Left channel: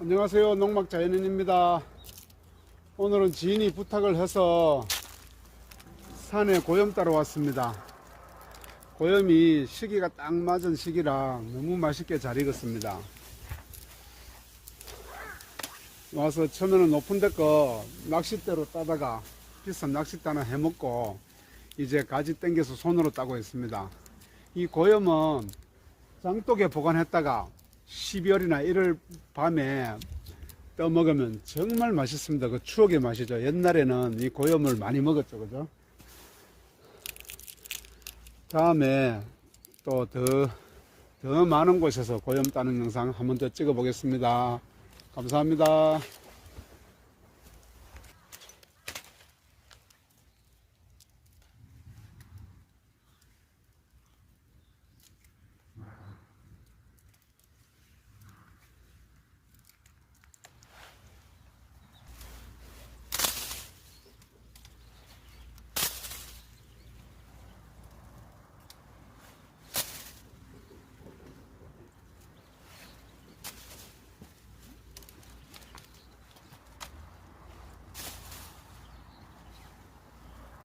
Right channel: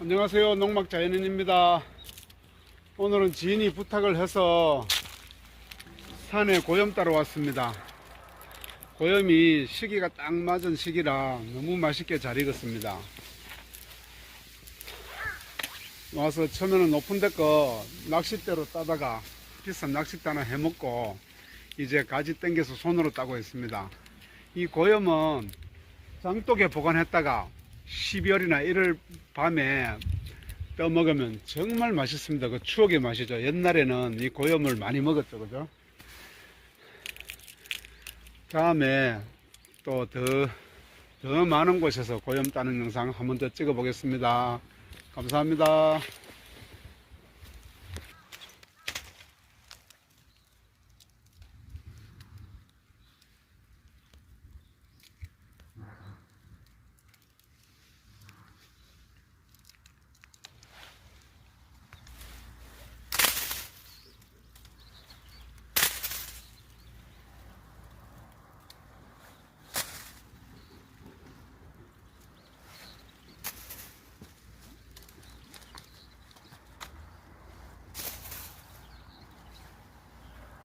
안녕하세요, 농막자연인입니다. 오늘은 지인이 부탁을 해서 산에 고염 따러 왔습니다. 고염이 시기가 딱 맞은 시기라 너무 맛있게 잘 익었습니다. 와서 처음에는 높은 데 거 낚싯대로 따다가 비싼 낚싯대 하나 해먹고 이제 가지 땡겨서 손으로 따고 있습니다. 이 고염은 장독에 보관했다가 12월이나 1월 밤에 떠먹으면 정말 맛있습니다. 그 추억의 맛이죠. 옛날에는 이 고염을 많이 먹었죠, 그죠? 다음에 또 더 많은 곳에서 고염 따는 영상 한번 더 찍어 보겠습니다. 감사합니다.